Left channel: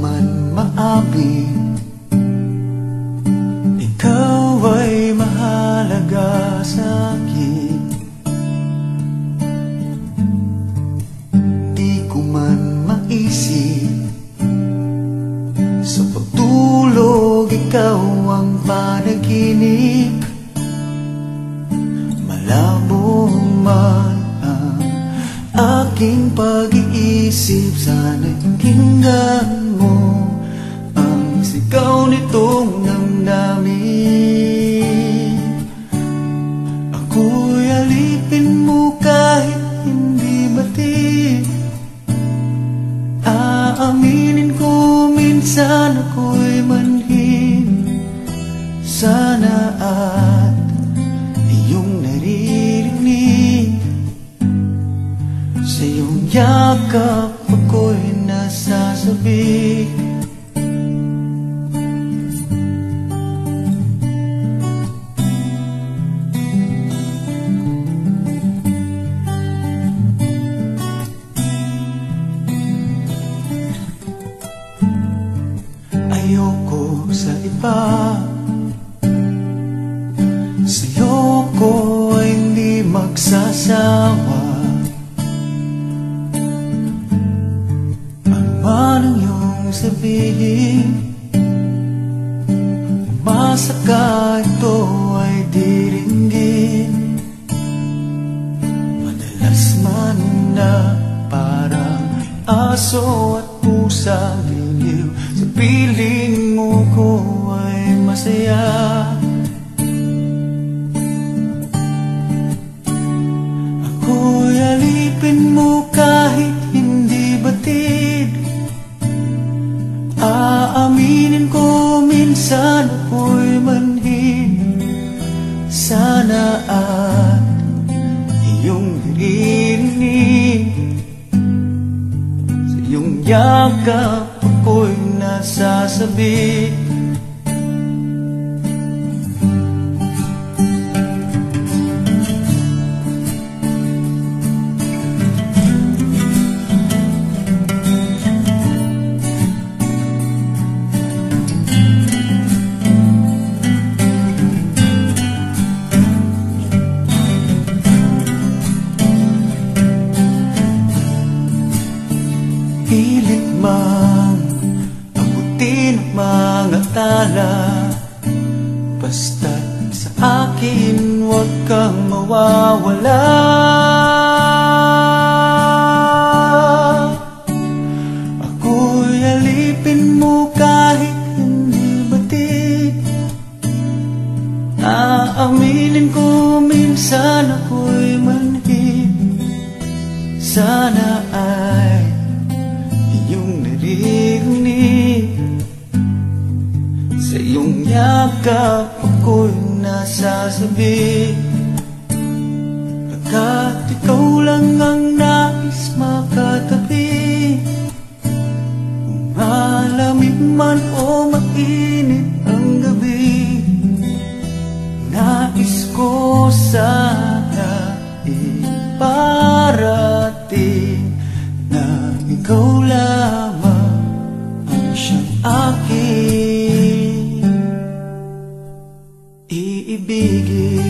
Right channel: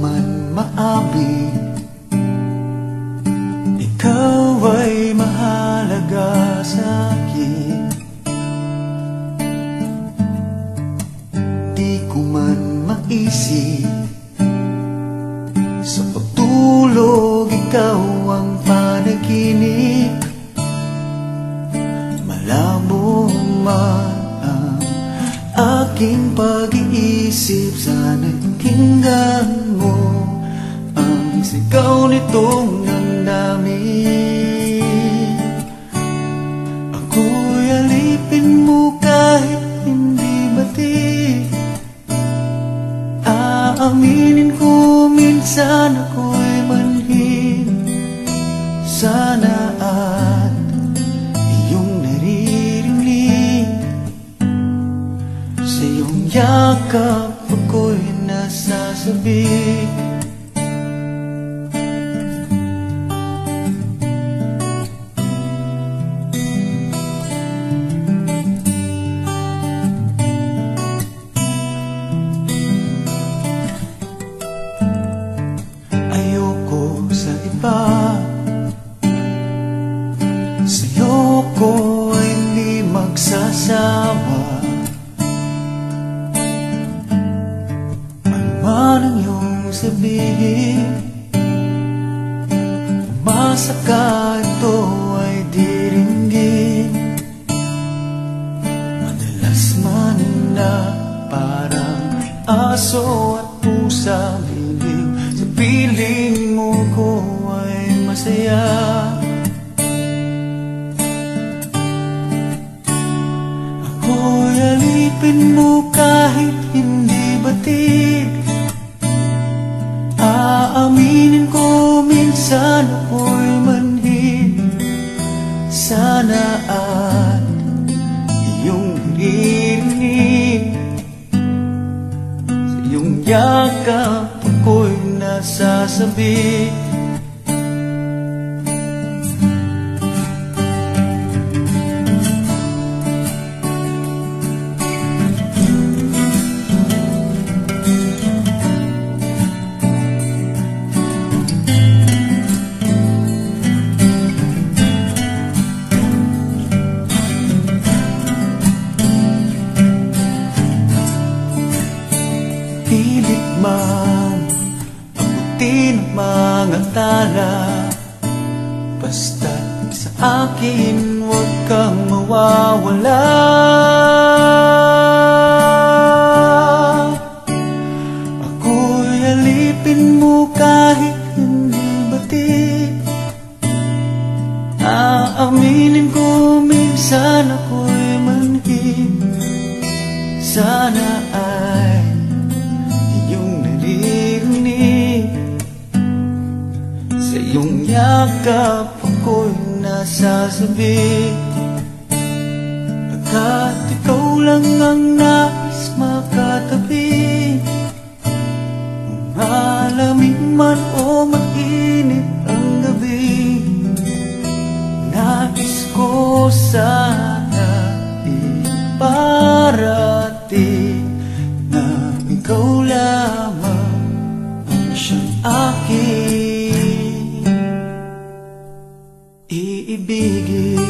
man maamin, ikaw ay mahalaga sa'kin. Di ko man maisip, sa pagtulog ikaw ang panaginip. Malabo man ang aking pag-iisip, sana'y pakinggan mo ang sigaw nitong damdamin. Ako'y alipin mo kahit hindi batid. Aaminin ko minsan ako'y manhid. Sana at iyong naririnig, sa iyong yakap ako'y nasasabik. Ayoko sa iba, sa'yo ko ay hindi magsasawa. Ano man ang iyong sabihin, umasa ka ito ay diringgin. Madalas man na parang aso at pusa, biliw sa piling mo ko ay masaya. Ako'y alipin mo kahit hindi batid. Aaminin ko minsan ako'y manhid. Sana at iyong naririnig, sa iyong yakap ako'y nasasabik. Pilit mang abutin ang mga tala, basta't sa akin huwag kang mawawala. Ako'y alipin mo kahit hindi batid. Aaminin ko minsan ako'y manhid. Sana ay iyong naririnig, sa iyong yakap ako'y nasasabik. Pagkat ikaw lang ang nais makatabi, kung malamig man o mainit ang gabi, nais ko sana iparating na ikaw lamang ang siyang aking iibigin.